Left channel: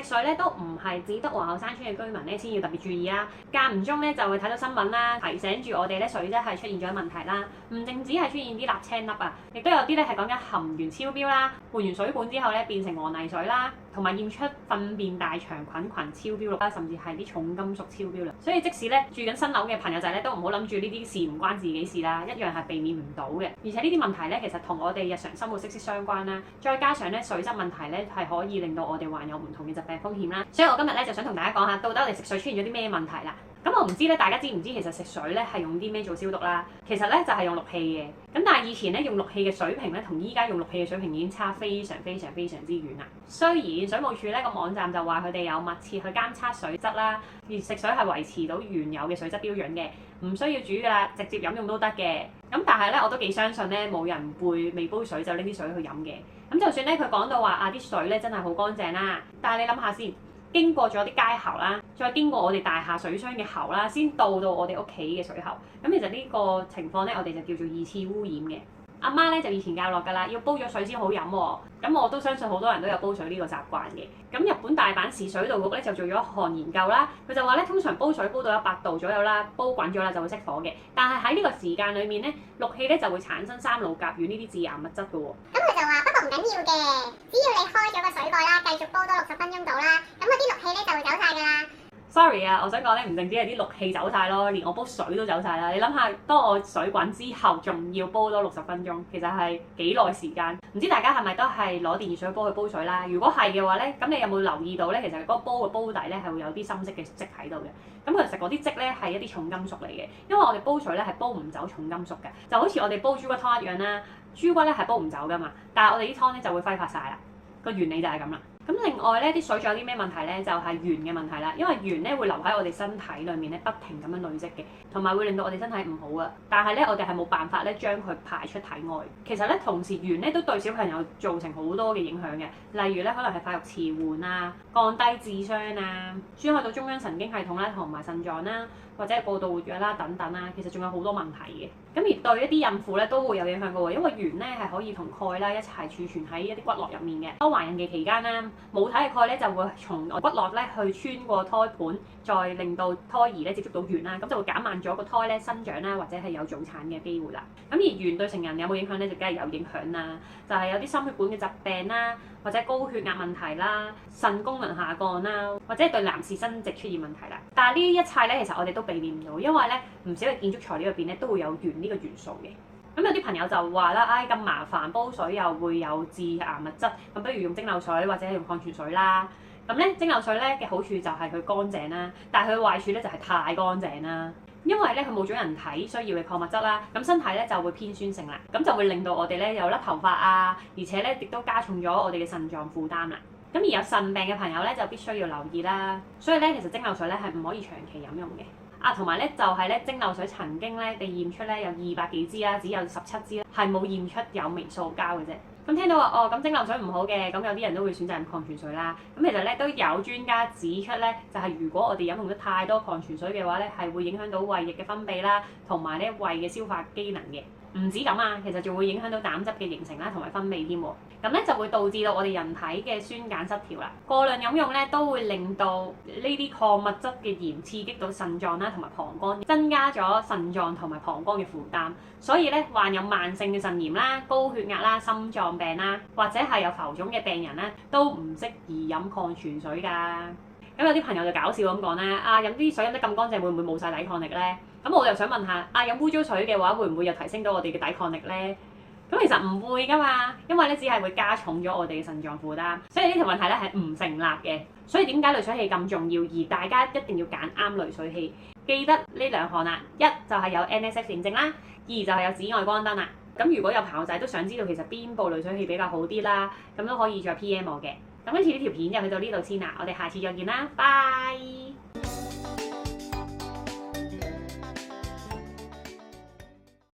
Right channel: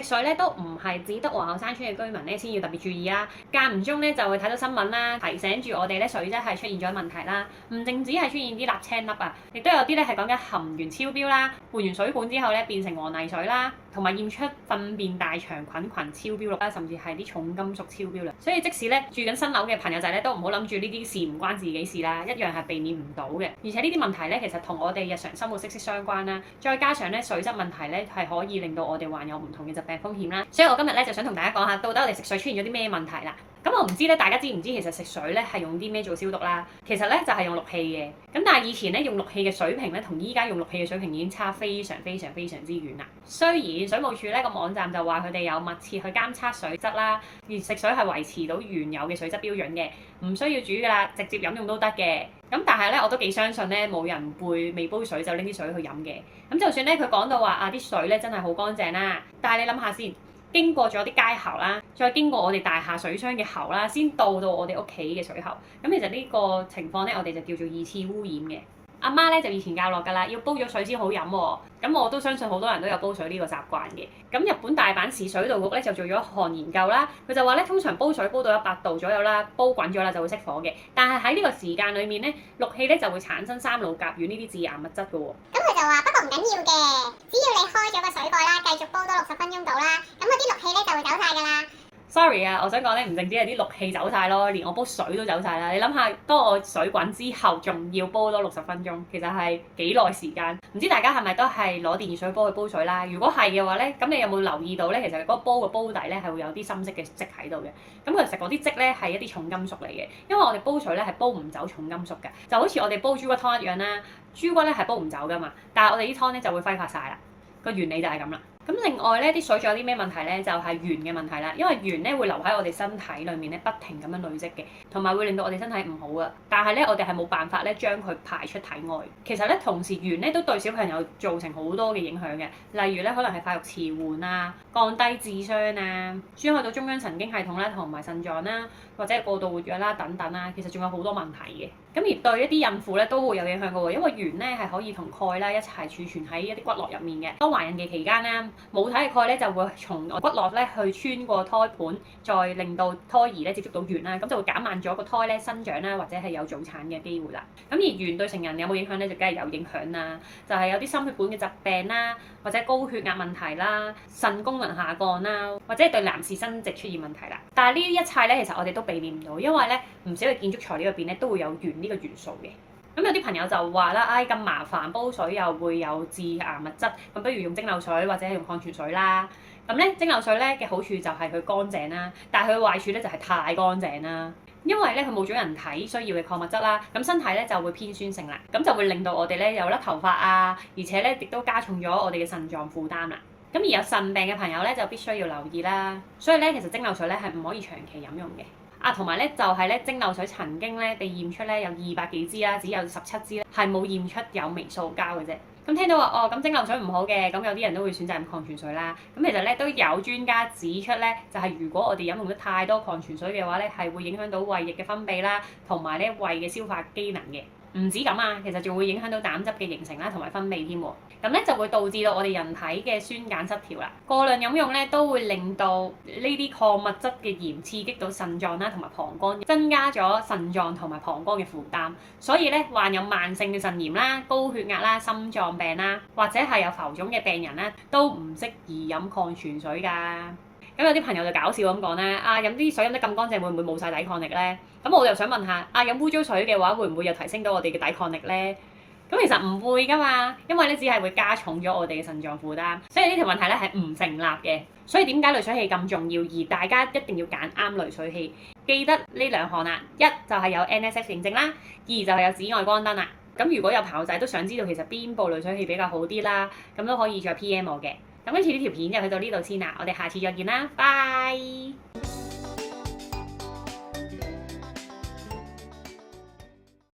食水咧都唔係只得皇后山村嘅居民咧先要特別注意啦，間唔中咧就會睇到新聞啦，提醒住我哋咧水質係出現咗問題啦。唔淨止係出現啲瀝青粒啊，亦都有啲咧係講緊含鉛超標啦，換完水管之後咧變成黃泥水啦，同埋驗出糞便大腸菌群超標率啦，甚至係啲重金屬超標率。所以即使咧住緊新樓嘅朋友仔咧都唔好諗住呢啲事唔關自己事啦，一樣係避免唔到嘅。而且呢啲問題咧其實同我哋日常生活息息相關啦，再加上咧水質問題咧係可以令到我哋患有唔同嘅疾病風險啦。所以我今日咧就想同大家講下，到底我哋食水出現咗啲咩問題啦。咁我唔知咧，大家知唔知其實食水咧係用啲咩做消毒啦？其實咧就係用氯氣嘅。咁但係以前咧用氯氣嘅水平咧，同依家用氯氣嘅水平已經差非常之遠啦。雖然水務署咧個網站就話佢哋有密切去監測水質啦，而食水係維持到原有嘅水質標準嘅，唔需要煮㗎啦，直接飲用都得嘅。咁但係咧我都幾相信咧，冇人會未煲水就拎啲水去飲嘅。咁就算咧佢講到話啲水咧真係好乾淨啦，但係你諗下先。經過咗啲街喉啦，再經過我哋大廈水箱嘅喉啦，先到我哋屋企嘅水喉。咁其實呢個情況咧，我哋就叫做二次污染嘅。阿媽咧就以前教落㗎啦，要煲咗水先好飲喎。咁我都相信好多人都有煲水呢個習慣嘅。咁日本大阪市水道局咧就做咗一項研究啦，佢就話咧通常煲水煲到100度左右啦，煲滾咗啦就會熄火嘅。但係喺呢個時間裡面咧，氯氣咧就會產生三氯甲烷呢啲致癌物質㗎喎。咁佢就話不過唔緊要嘅，只要你開咗個水蓋啦，繼續煲多60分鐘到啦，咁嗰啲氯氣咧就會走晒㗎啦。Sorry 啊，我想講咧，唔淨止係啲氯氣走晒咯，連我煲水都走晒啦。你諗下，當我水滾之後，仲要煲多60分鐘，其實係幾耐時間？唔知大家係咪都係攞電熱水煲去煲水啦？如果係嘅話咧，咁你有冇留意到咧？其實嗰個煲嘅煲底咧係會有啲深色嘅漬喺度嘅。咁其實嗰啲漬咧係一啲重金屬嚟嘅，因為我哋煲水咧係煲唔走重金屬㗎，就好似我哋煲豬骨湯一樣啦。豬骨咧係煲唔走㗎嘛，但係我哋啲湯咧就會揮發晒啦。個原理就係咁啦。咁另外咧，啲水仲有啲咩問題咧？就係鉛嘅問題啦。因為鉛咧會留喺我哋身體裏面咧，不停咁樣累積嘅，同埋會令到我哋身體唔好啊。但係咧，我哋係冇辦法咧將佢排出體外。其實咧，同時鉛咧都對小朋友造成好多嘅影響嘅，例如咧可能係發育遲緩啊、降低智商啊、損害到中央神經系統啦、同埋腎臟啦，或者係過度活躍啦等等啦。其實仲有好多問題嘅。咁而對一啲孕婦咧都會有影響嘅喎，因為鉛咧係可以同鈣啦一齊儲存喺一啲骨骼入面嘅。當懷孕嘅期間咧，母體嘅鈣咧就會從骨骼咧去穿過胎盤，再令到胎兒咧接觸到鉛啦，咁就會減慢咗個胎咧生長啦，或者係有早產嘅機會啦。咁而鉛對成人有冇影響咧？就梗係有影響啦，就係有啲心血管嘅疾病啦，或者高血壓問題啦、腎功能下降啦，或者對男士生殖出現問題啦。但係呢一切咧，其實我哋都避免唔到，因為咧唔少嘅建築材料入邊咧都會有鉛呢個元素嘅。咁有啲朋友就話啦，咁麻煩煲水又會有致癌物質，咁不如用蒸餾水或者用礦泉水啦。咁咧蒸餾水咧嘅好處就係佢乾淨啦，但係佢嘅壞處咧就係太乾淨啦，因為咧佢冇咗人體需要嘅礦物質啦，咁身體咧就會偏酸性啦，咁就會令到我哋咧有甩頭髮啊，而且咧亦都加重咗我哋嘅腎臟負擔啦。咁而有腎病嘅朋友咧就必須要留意啦，所以咧其實蒸餾水咧係唔可以長期飲用嘅。同埋咧就係咧蒸餾水曾經咧被驗出咧有200幾支啦，只有17支咧係冇驗出有微塑膠嘅啫。咁聽到話咁蒸餾水唔好嘅，咁有啲人都會選擇飲礦泉水啦。咁其實咧都有專家指出咧，就係如果我哋飲用咗太多礦泉水嘅話咧，係會影響到胃液嘅分泌啦，同埋咧胃嘅消化機能嘅。唔止咁啊，其實仲會影響到膽汁嘅形成啦，同埋分泌添喎。咁咧就會導致到我哋人體嘅酸鹼失調啦。過量飲用咧都會令到呢啲礦物質嘅鹽刺激到腎臟啦，同埋膀胱，增加咗腎臟同埋膀胱嘅負擔。所以咧患有慢性嘅腎炎啦、高血壓啦、心臟病啦，或者係有浮腫嘅病人啦，都唔適宜飲礦泉水㗎。咁有啲朋友就搞笑咁講咧，飲啲水飲得咁乾淨，會唔會冇晒抵抗力咧？咁我又想問下，飲污糟水嘅話，會唔會又提升到我哋嘅抵抗力咧？咁其實唔會㗎嘛，因為咧只係會加重咗我哋嘅腎臟負擔，所以呢條問題咧係唔成立嘅。所以點解濾水器咁重要？而大家一定要揀啱濾水器，記得呢2項啦，一就係有 NSF 認證啦，二就係有紫外光燈啦。咁如果有朋友仔都想知道其實邊部濾水器比較好啲啦，咁都可以再 PM 我嘅。咁今次呢條片就去到呢度先啦，我哋下次再見啦，拜。